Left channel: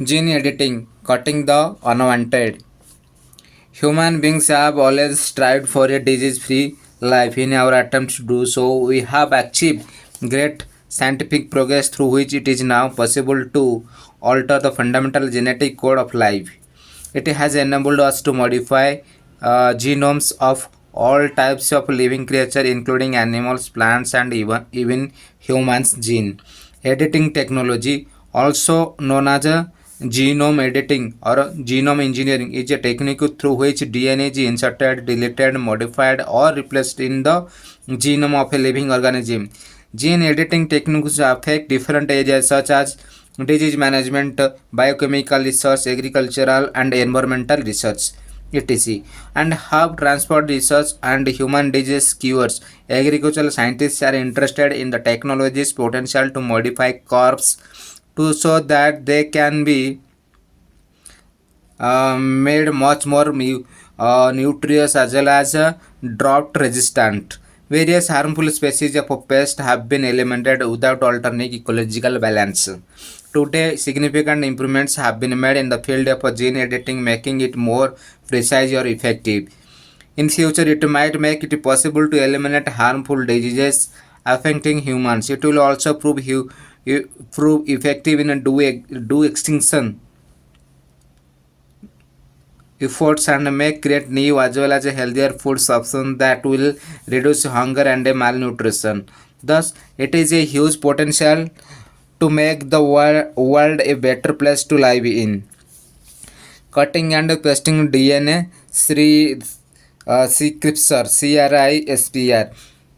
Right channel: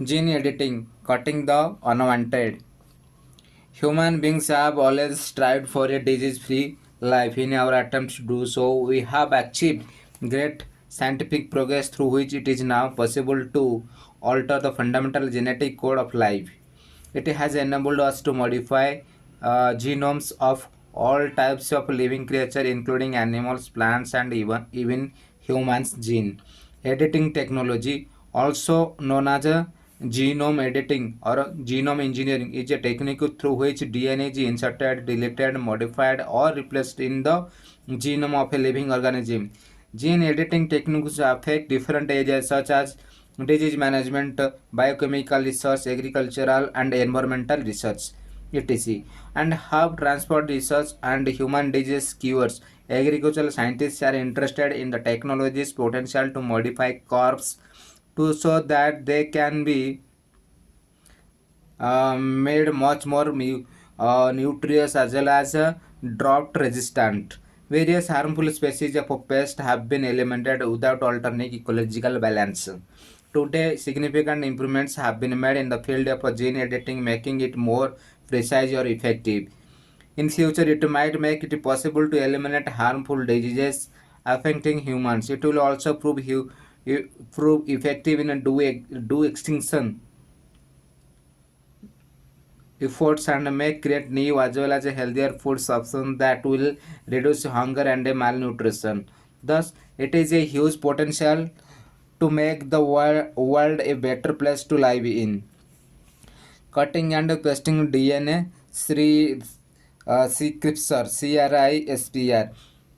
Gene editing, cutting the unwanted. Human beings have always strived for a disease free life. In our attempts to do so, we have achieved great scientific progress through which it is now possible to alter the fundamental genetic code of life. It has enabled us to modify genomes of all types of living creatures, including animals, plants, and even humans. Gene editing technology, also known as a genome editing or genome engineering, is a technique through which DNA is inserted, deleted, modified, or replaced in the genome of a living organism. Gene editing techniques affect different areas such as disease management, biochemical research, agricultural and environmental research, etc., and have transport research and human disease cures. Agricultural scientists are interested in the technology's potential to modify crops to so that they can be made much more nutritious as well as drought resistant. Various harmful species of pests have been eliminated without altering ecological balance. Today, significant improvements have been made in the field of gene editing, making it more precise or effective. In future, it might make it possible to eliminate harmful diseases affecting humans. It will also prove effective in do extinction efforts and may create new as well as a healthier food options that will reduce hunger and malnutrition. Thus, it is a huge potential to make the world a better place to live in. Cutting and pasting DNA, CRISPR, CRISPR.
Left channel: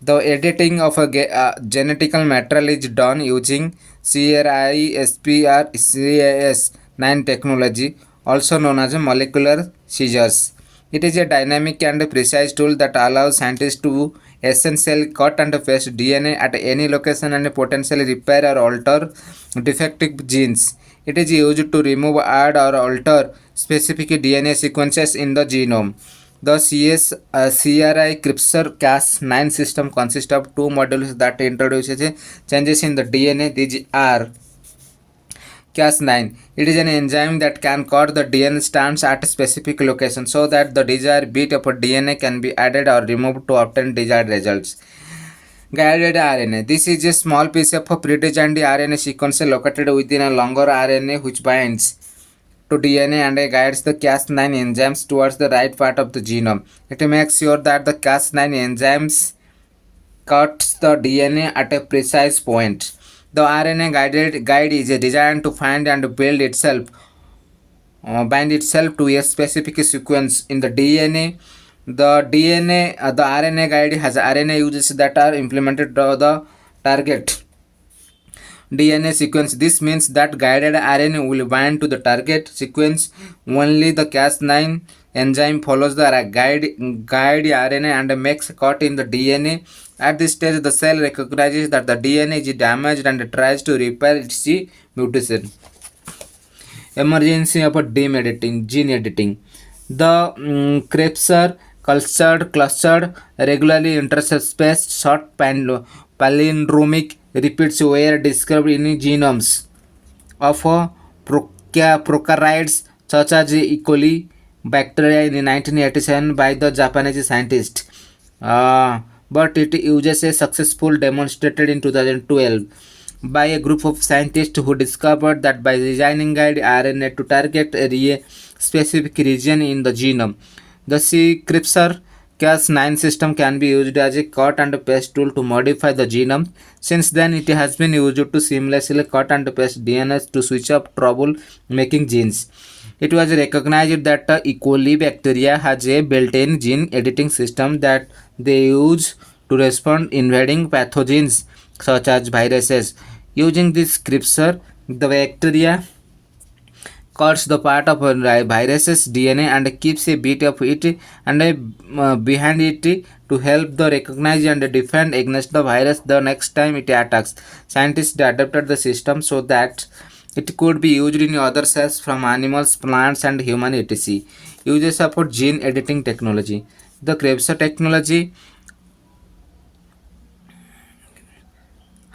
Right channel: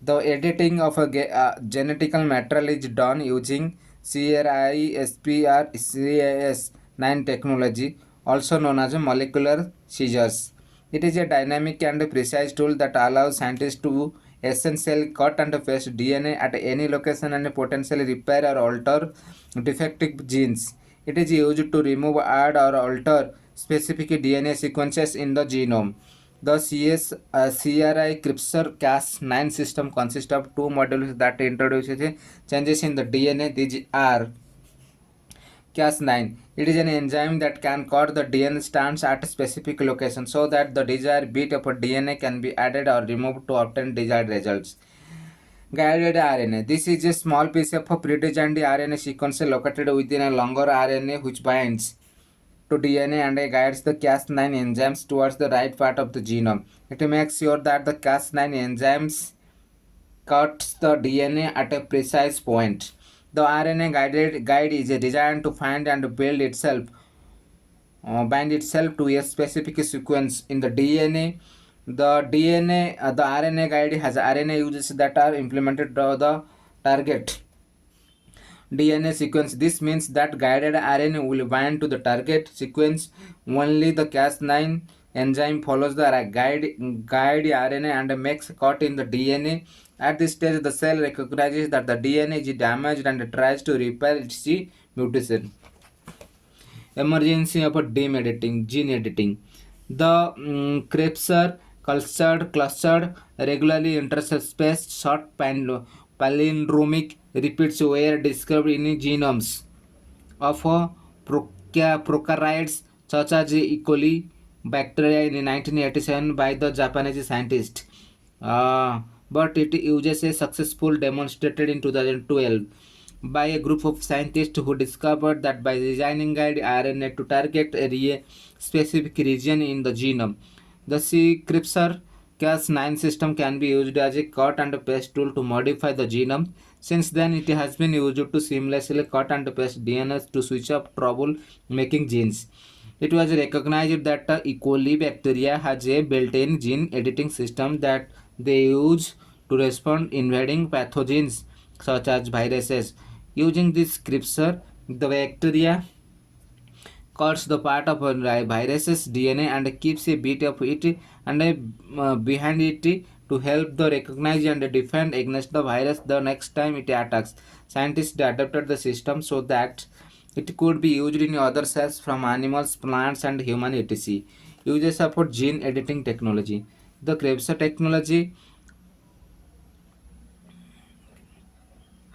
The editing of a genetical material is done using CRISPR Cas9 technology, also known as molecular scissors. It is a dynamic and precise tool that allows scientists to essentially cut and paste DNA at any location and potentially repair or alter defective genes. It is used to remove, add, or alter specific DNA sequences in the genome. The CRI CRISPR-Cas9 system consists of two modules that introduces changes in the DNA. These are Cas9. It is an enzyme that can cut the DNA strands at a specific location so that the desired bit of DNA can be added or removed to obtain desired results. Guided RNA. This is a small piece of pre-designed RNA sequence located within a longer RNA which binds to DNA and guides the Cas9 enzymes towards the right part of the genome. It makes sure that the Cas9 enzymes cuts the DNA at a precise point. The RNA guided guide is designed to find and bind itself to a specific sequence in the DNA. The RNA guide has RNA uses that are implemented to the target DNA sequence. This means that guided RNA will bind to the target sequence. Only the Cas9 enzyme follows the guide RNA and makes a cut in the DNA. At this stage, the cell recognizes that the DNA is damaged and tries to repair its mutation. Emergency of gene editing. The CRISPR clustered regularly interspaced short palindromic repeats were discovered in genomes of prokaryotes such as E. coli bacteria in 1987 by the Japanese scientist. But it uses a successful demonstrated in 2012 by a group of scientists who discovered that by designing guide RNA to target a specific region in the genome, the CRISPR Cas9 system can be used as a cut and paste tool to modify the genome. Since then, it has been used to seamlessly cut and paste DNA to switch up trouble making genes. It was recognized that E. coli bacteria has a built-in gene editing system that they use to respond invading pathogens such as viruses. Using this scripture, the bacteria cuts the part of a virus's DNA and keeps a bit of it and behind it to help the recognize and defend against the virus the next time it attacks. Scientists adapted the system so that it could be used in other cells from animals, plants, and human etc. Uses of gene editing technology. The CRISPR technology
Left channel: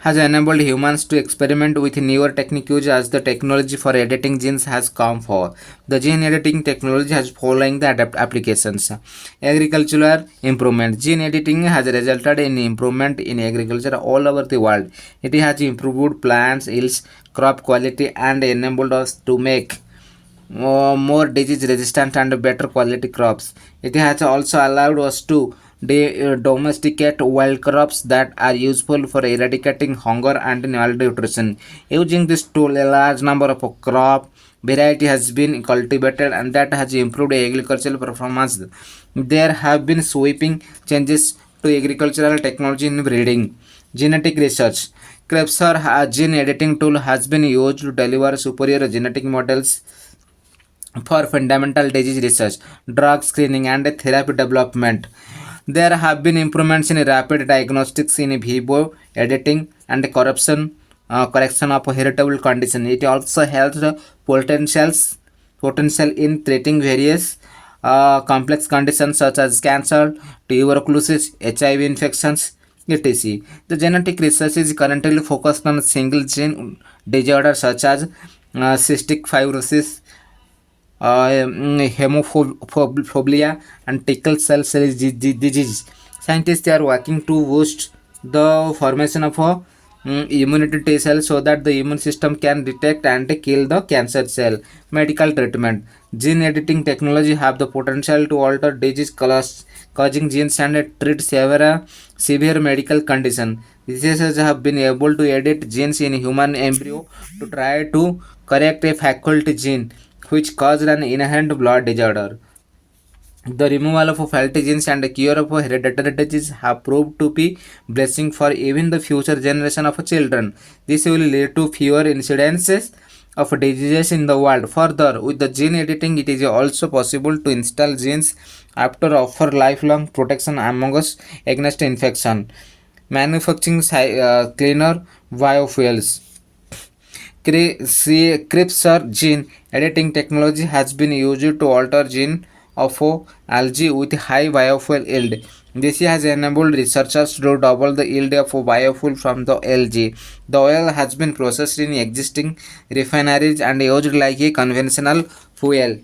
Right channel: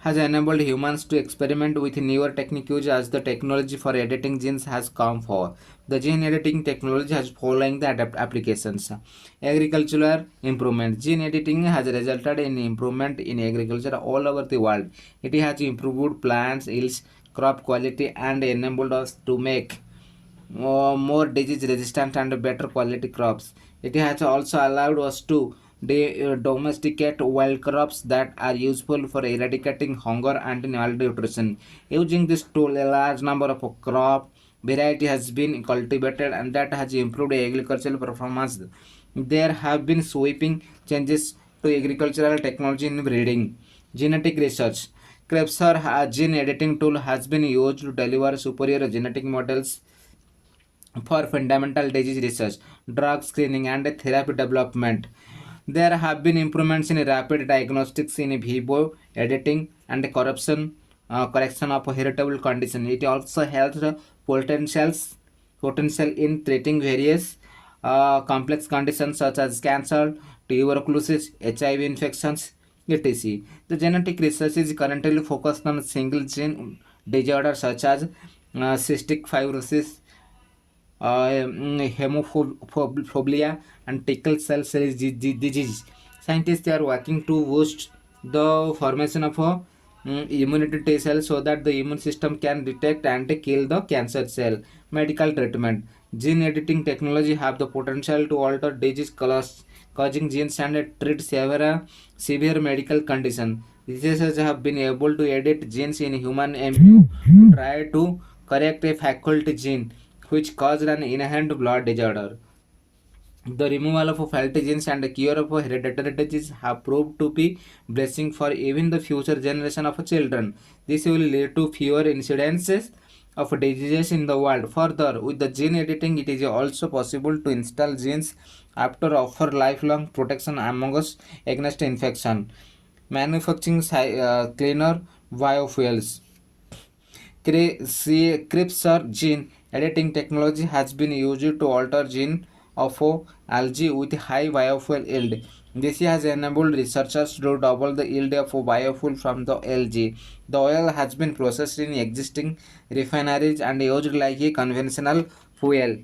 has enabled humans to experiment with newer techniques as the technology for editing genes has come forward. The gene editing technology has following the adapt applications. Agricultural improvement. Gene editing has resulted in improvement in agriculture all over the world. It has improved plants yields, crop quality, and enabled us to make more disease resistant and better quality crops. It has also allowed us to domesticate wild crops that are useful for eradicating hunger and malnutrition. Using this tool, a large number of crop variety has been cultivated and that has improved agricultural performance. There have been sweeping changes to agricultural technology in breeding. Genetic research. CRISPR, a gene editing tool, has been used to deliver superior genetic models for fundamental disease research, drug screening, and therapy development. There have been improvements in rapid diagnostics in vivo editing and correction of heritable condition. It also has the potential in treating various complex conditions such as cancer, tuberculosis, HIV infections, etc. The genetic research is currently focused on single gene disorders such as cystic fibrosis, hemophobia, and sickle cell disease. Scientists are working to boost the formation of a immunity T cell so that the immune system can detect and kill the cancer cell. Medical treatment. Gene editing technology have the potential to alter disease causing genes and treat severe medical conditions. Researchers have been able to edit genes in human embryo to try to correct a faculty gene which caused an inherent blood disorder. The removal of faulty genes and the cure of hereditary disease have proved to be blessing for even the future generation of children. This will lead to fewer incidences of diseases in the world. Further, with the gene editing, it is also possible to install genes after offer lifelong protection among us against infection. Manufacturing cleaner biofuels. CRISPR gene editing technology has been used to alter gene of algae with high biofuel yield. This has enabled researchers to double the yield of biofuel from the algae. The oil has been processed in existing refineries and used like a conventional fuel.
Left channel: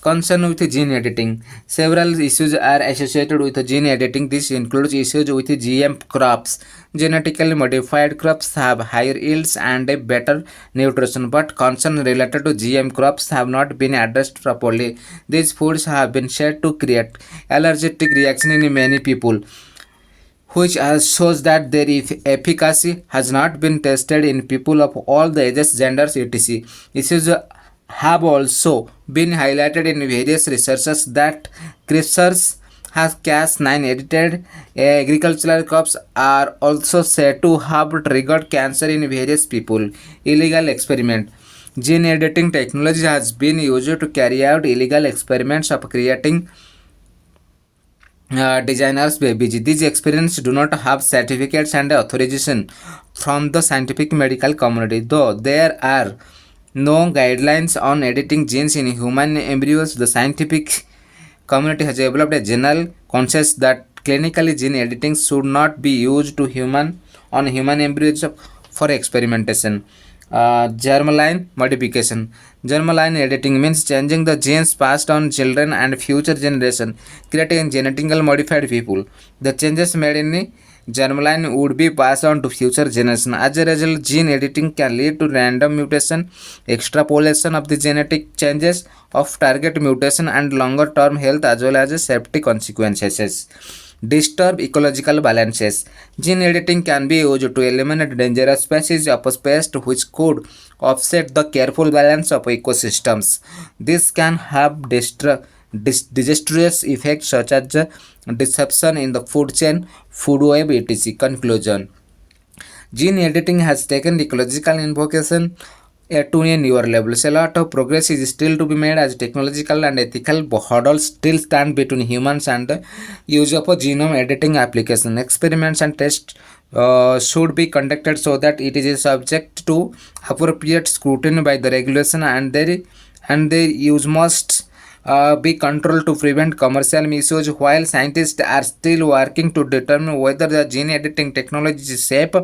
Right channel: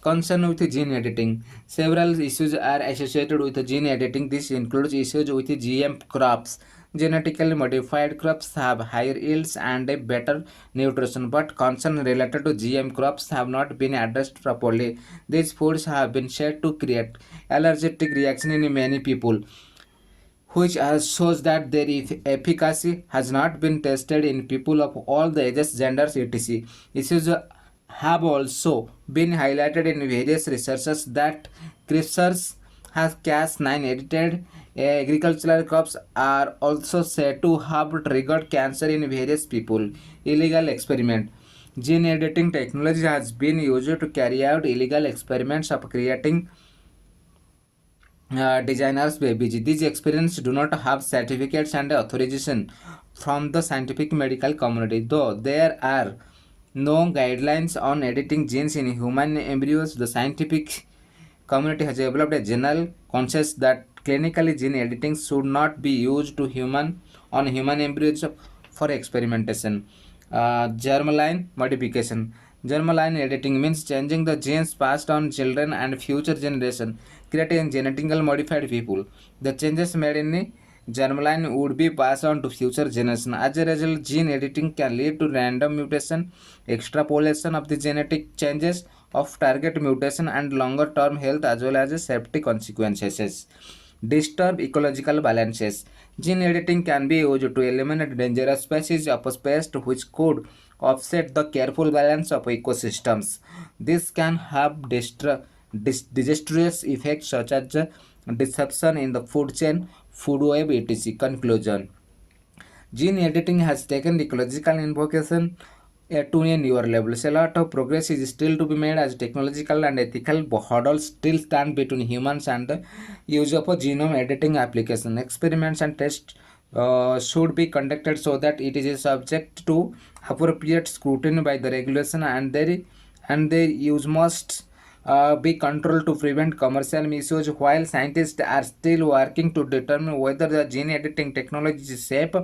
Concern with gene editing. Several issues are associated with gene editing. This includes issues with GM crops. Genetically modified crops have higher yields and a better nutrition, but concerns related to GM crops have not been addressed properly. These foods have been said to create allergic reaction in many people, which shows that their efficacy has not been tested in people of all the ages, genders, etc. Issues have also been highlighted in various researches that CRISPR has Cas9 edited agricultural crops are also said to have triggered cancer in various people. Illegal experiment. Gene editing technology has been used to carry out illegal experiments of creating designers babies. These experiments do not have certificates and authorization from the scientific medical community. Though there are no guidelines on editing genes in human embryos, the scientific community has developed a general consensus that clinically gene editing should not be used to human embryos for experimentation. Germline modification. Germline editing means changing the genes passed on children and future generation, creating genetically modified people. The changes made in germline would be passed on to future generation. As a result, gene editing can lead to random mutation, extrapolation of the genetic changes of target mutation, and longer term health as well as safety consequences. Disturb ecological balances. Gene editing can be used to eliminate dangerous species of pest which could upset the careful balance of ecosystems. This can have disastrous effects such as disruption in the food chain, food web, etc. Conclusion. Gene editing has taken ecological invocation to a newer level. A lot of progress is still to be made as technological and ethical hurdles still stand between humans and the use of a genome editing application. Experiments and tests should be conducted so that it is subject to appropriate scrutiny by the regulation and their use must be controlled to prevent commercial misuse, while scientists are still working to determine whether the gene editing technology is safe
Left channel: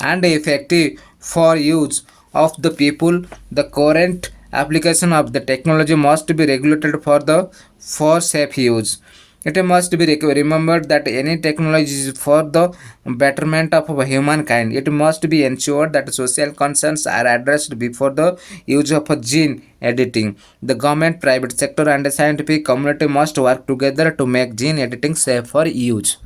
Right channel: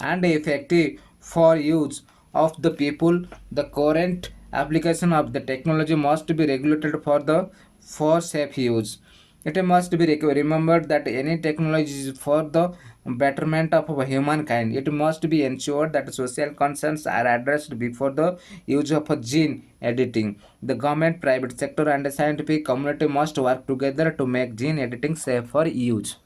and effective for use of the people. The current application of the technology must be regulated for safe use. It must be remembered that any technology is for the betterment of humankind. It must be ensured that social concerns are addressed before the use of gene editing. The government, private sector, and the scientific community must work together to make gene editing safe for use.